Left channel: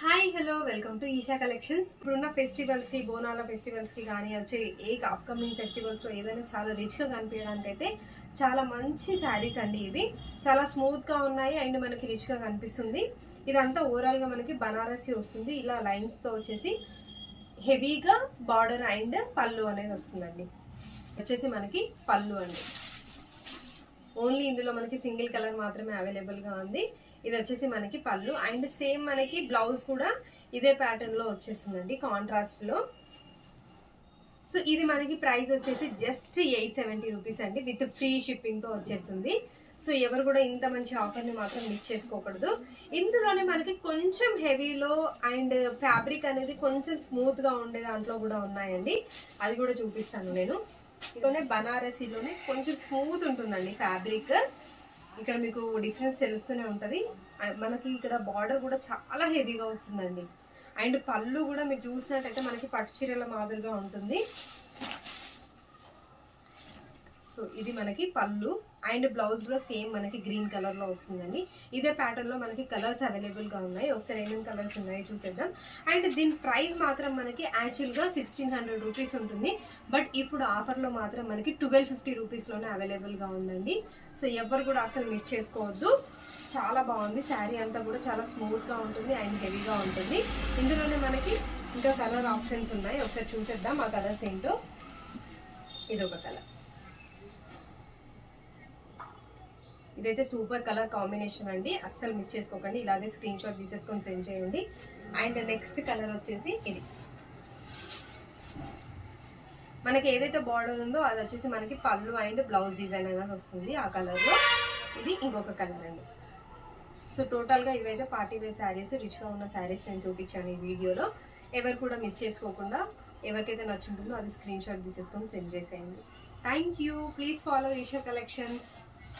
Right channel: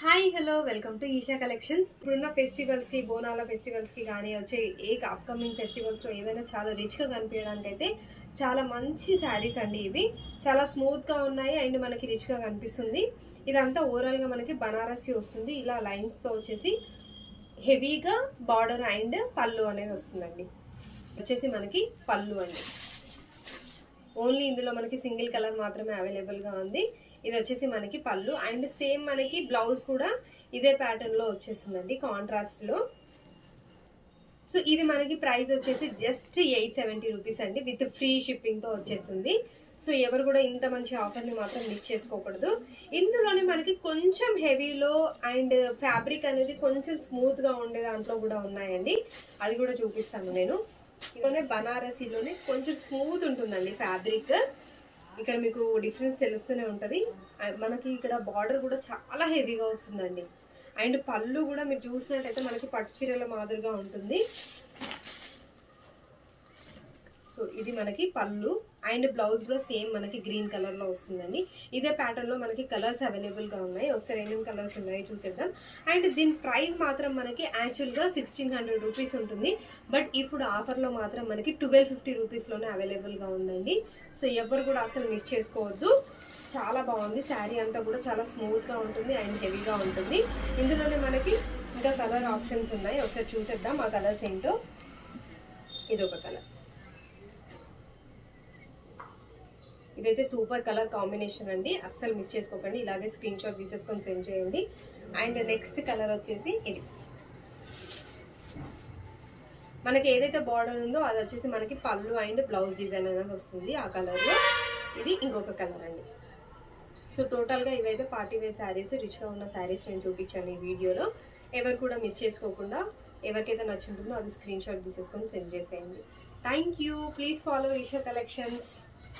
Hi hello welcome to Eesha collections. ఇప్పుడున్న festivals కి బోనాల ఫెస్టివల్స్ కి కానీ వచ్చే అప్కమింగ్ ఫెస్టివల్స్ లో ఏదైనా చాలా రిచ్ గా కనిపించడానికి అయితే చాలా మంచి శారీస్ అండి. ఇవి చాలా స్మూత్ గా ఉన్నాయి అండ్ మనకి రిచ్ గా కనిపిస్తుంది. ఇదంతా ఓవరాల్ గా మనకి బనారసి వస్తుంది. ఇలా లైన్స్ తో వచ్చేసి హెవీగా బార్డర్ అండ్ పళ్ళు అనేది వస్తుందండి. వచ్చేసి మనకి పళ్ళు అండి. ఓన్లీ ఇందులో మనకి సింగిల్ కలర్ మాత్రమే అవైలబుల్ గా ఉంది. ఇది వచ్చేసి మనకి పళ్ళు అండ్ సేమ్ మనకి బ్లౌజ్ కూడా ఇదే ప్యాటర్న్ లో వచ్చేస్తుందండి కాంట్రాస్ట్ లో. సో ఇది మనకి ప్రైస్ వచ్చేసి జస్ట్ 870 రూపీస్ అండి, విత్ ఫ్రీ షిప్పింగ్ తో వచ్చేస్తుంది. సో ఎవరు కూడా ఇంత మంచి ఆఫర్ ని మాత్రం మిస్ చేసుకోకూడదు. ఇందులోనే మనకి కొంచెం హెవీలో అండ్ ఫ్యాబ్రిక్ అనేది కొంచెం స్మూత్ గా ఉండే దాంట్లో కూడా ఉన్నాయండి. అది కూడా చూపిస్తాను నేను. ఇందులోనే బనారసీలోనే కొంచెం స్మూత్ ఉంటుందండి ఫ్యాబ్రిక్. ఇక్కడ మీకు డిఫరెన్స్ తెలుస్తూనే ఉంటుంది. మనకి ఇక్కడ బార్డర్ కూడా చాలా హెవీగా వస్తుందండి. అండ్ పళ్ళు కూడా మీరు చూసినట్టయితే మనకి పట్టు చీరల మాదిరిగా ఉంటుంది. సో ఇది మనకి పళ్ళు అండ్ బ్లౌజ్ కూడా సేమ్ మనకి గ్రీన్ కలర్ లో వస్తుందండి. ఇదే ప్యాటర్న్ లో మనకి కలర్స్ అవైలబుల్ గా ఉన్నాయి. ఒకసారి ఏమేమి కలర్స్ ఉన్నాయో చూసేద్దాం. అండ్ దీని ప్రైస్ మాత్రం మనకి యాక్చువల్ గా 1600 రూపీస్ ఉంటుంది. బట్ ఇప్పుడు ఆఫర్ లో మాత్రం మనకి 1250 రూపీస్ లోనే అవైలబుల్ గా ఉందండి. సో ఎవరు కూడా అసలు మిస్ చేసుకోవద్దు. చాలా బాగుంది. శారీ అంతా కూడా చాలా స్మూత్ గా ఉంటుంది అండ్ హెవీగా ఉంటుంది. ఇందులోనే మనకి ఇంకా కలర్ ఆప్షన్స్ ఉన్నాయి. ఒకసారి చూసేద్దాం ఆ కలర్స్ ఏంటో. ఇదొక కలర్. ఇదైతే సూపర్ కలర్ కాంబినేషన్ అండి, అస్సలు మిస్ చేసుకోకండి. ఇలాగే స్క్రీన్ షాట్ తీసేసుకొని సెండ్ చేయండి. అండ్ నెక్స్ట్ కలర్ వచ్చేసి ఇది. మనకి ఏదైతే బార్డర్ ఉందో అది వచ్చేసి మనకి పళ్ళు అండ్ బ్లౌజ్ డిజైన్ అనేది వస్తుంది ఆ కలర్ లో. ఇది ఇంకొక కలర్ అండి. సో టోటల్ గా ఇవైతే పార్టీ వేర్ శారీస్, రిచ్ గా ఉన్న శారీస్ నేను చూపించాను ఈ వీడియోలో. ఎవరు కూడా మిస్ చేసుకోకుండా ఎవరికైతే నచ్చుంటుందో అది స్క్రీన్ షాట్ తీసేసుకొని సెండ్ చేసేయండి. Thank you. Please follow Eesha collections.